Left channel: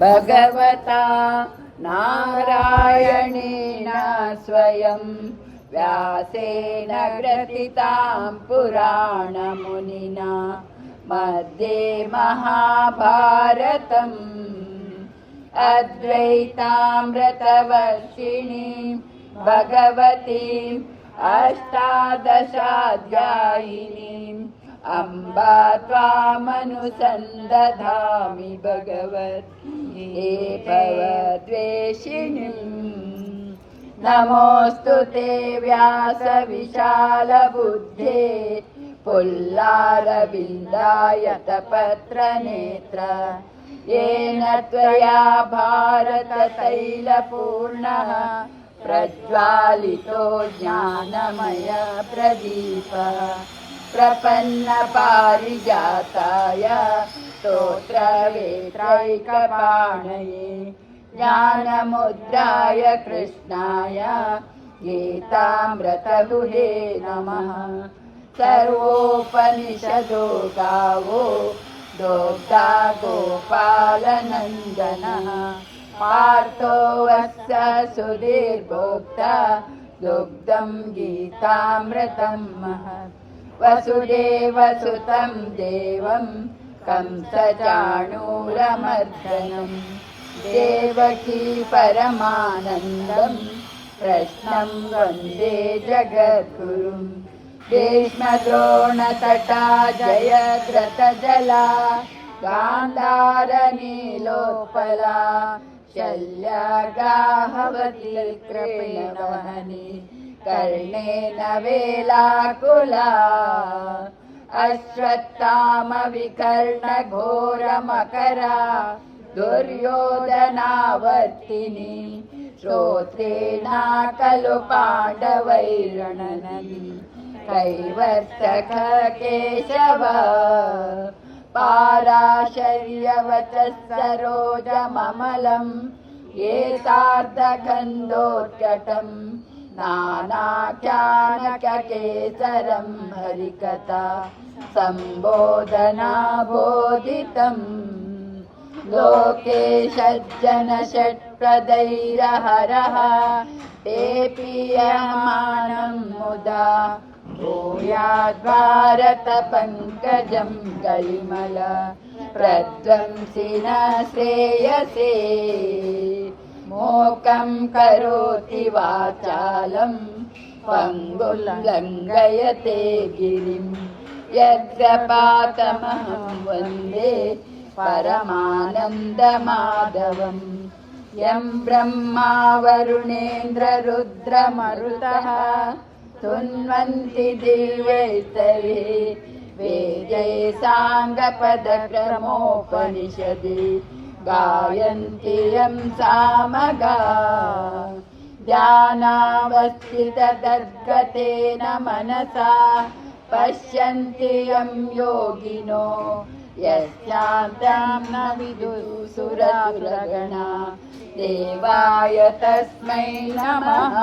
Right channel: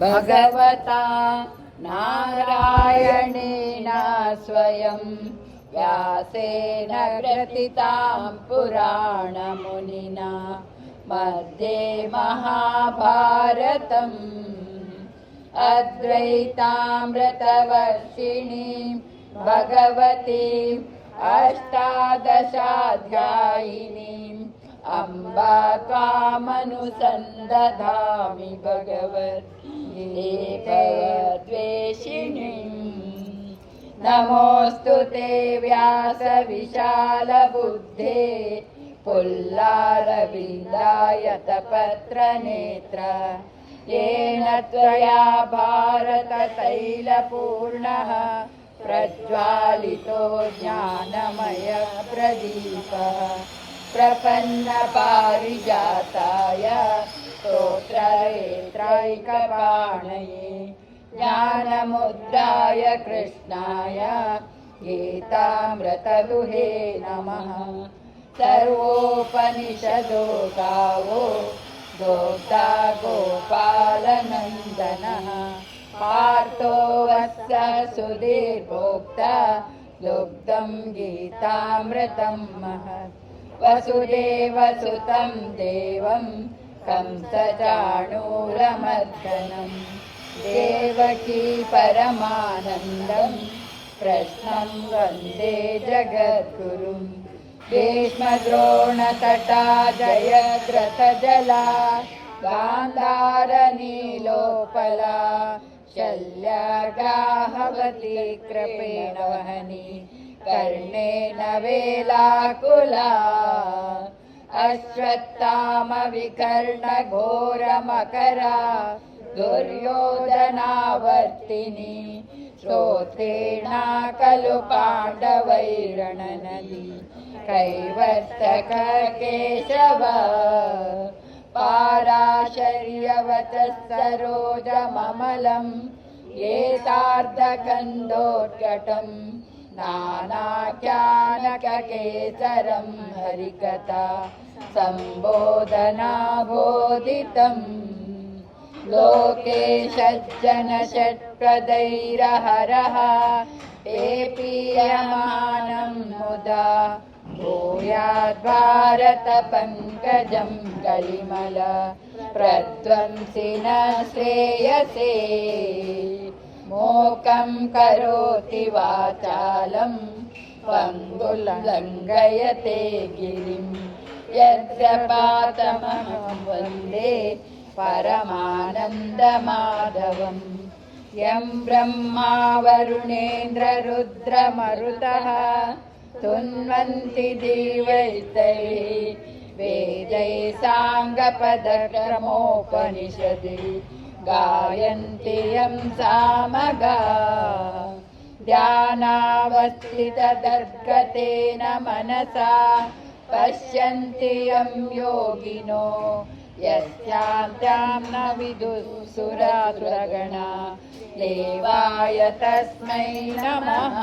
भगवता नारायणेन स्वयं व्यासेन ग्रथितां पुराणमुनिना मध्ये महाभारतम् अद्वैतामृतवर्षिणीं भगवतीम् अष्टादशाध्यायिनीम् अम्बा त्वामनुसन्दधामि भगवद्गीताद्वेषिणीम्। नमोऽस्तु ते व्यासविशालबुद्धे पुल्लारविन्दायतपत्रनेत्र येन त्वया भारततैलपूर्णः प्रज्वालितो ज्ञानमयप्रदीपः प्रपन्नपारिजाताय स्तोत्रवेत्रैकपाणये ज्ञानमुद्राय कृष्णाय गीतामृतदुहे नमः। सर्वोपनिषदो गावो दोग्धा गोपालनन्दनः पार्थो वत्स सुधीर्भोक्ता दुग्धं गीतामृतं महत्। वसुदेवसुतं देवं कंसचाणूरमर्दनं देवकी परमानन्दं कृष्णं वन्दे जगद्गुरुं। भीष्मद्रोणतटा जयद्रथजला गान्धारनीलोपला शल्यग्राहवती कृपेण वहनी कर्णेन वेलाकुला अश्वत्थामविकर्णघोरमकरा दुर्योधनावर्तिनी स्तोत्रेणा खलु पाण्डवैरणनदी कैवर्तक केशव पाराशर्यवचः सरोजममलं एतार्धगन्धोत्कटं नानाख्यानककेसरं हरिकथा सम्बोधनाबोधितम्। लोके सज्जनषट्पदैरहरः ते पीयमानं मुदा भूयाद्भारतपङ्कजं कलिमल प्रध्वंसिन श्रेयसे। मूकं करोति वाचालं पङ्गुलङ्घयते गिरिं यद्गपातमहं वन्दे परमानन्दमाधवम्। यं ब्रह्मा वरुणेन्द्ररुद्रमरुतः तुन्वन्ति देवैस्तैः वेदैः साङ्गपदक्रमोपनिषदि गायन्ति यं सामगाः। ध्यानावस्थितदर्गतेन मनसा पश्यन्ति यं योगिनो यस्यान्त्यां न विदुः सुरासुरगणा देवाय तस्मै नमः।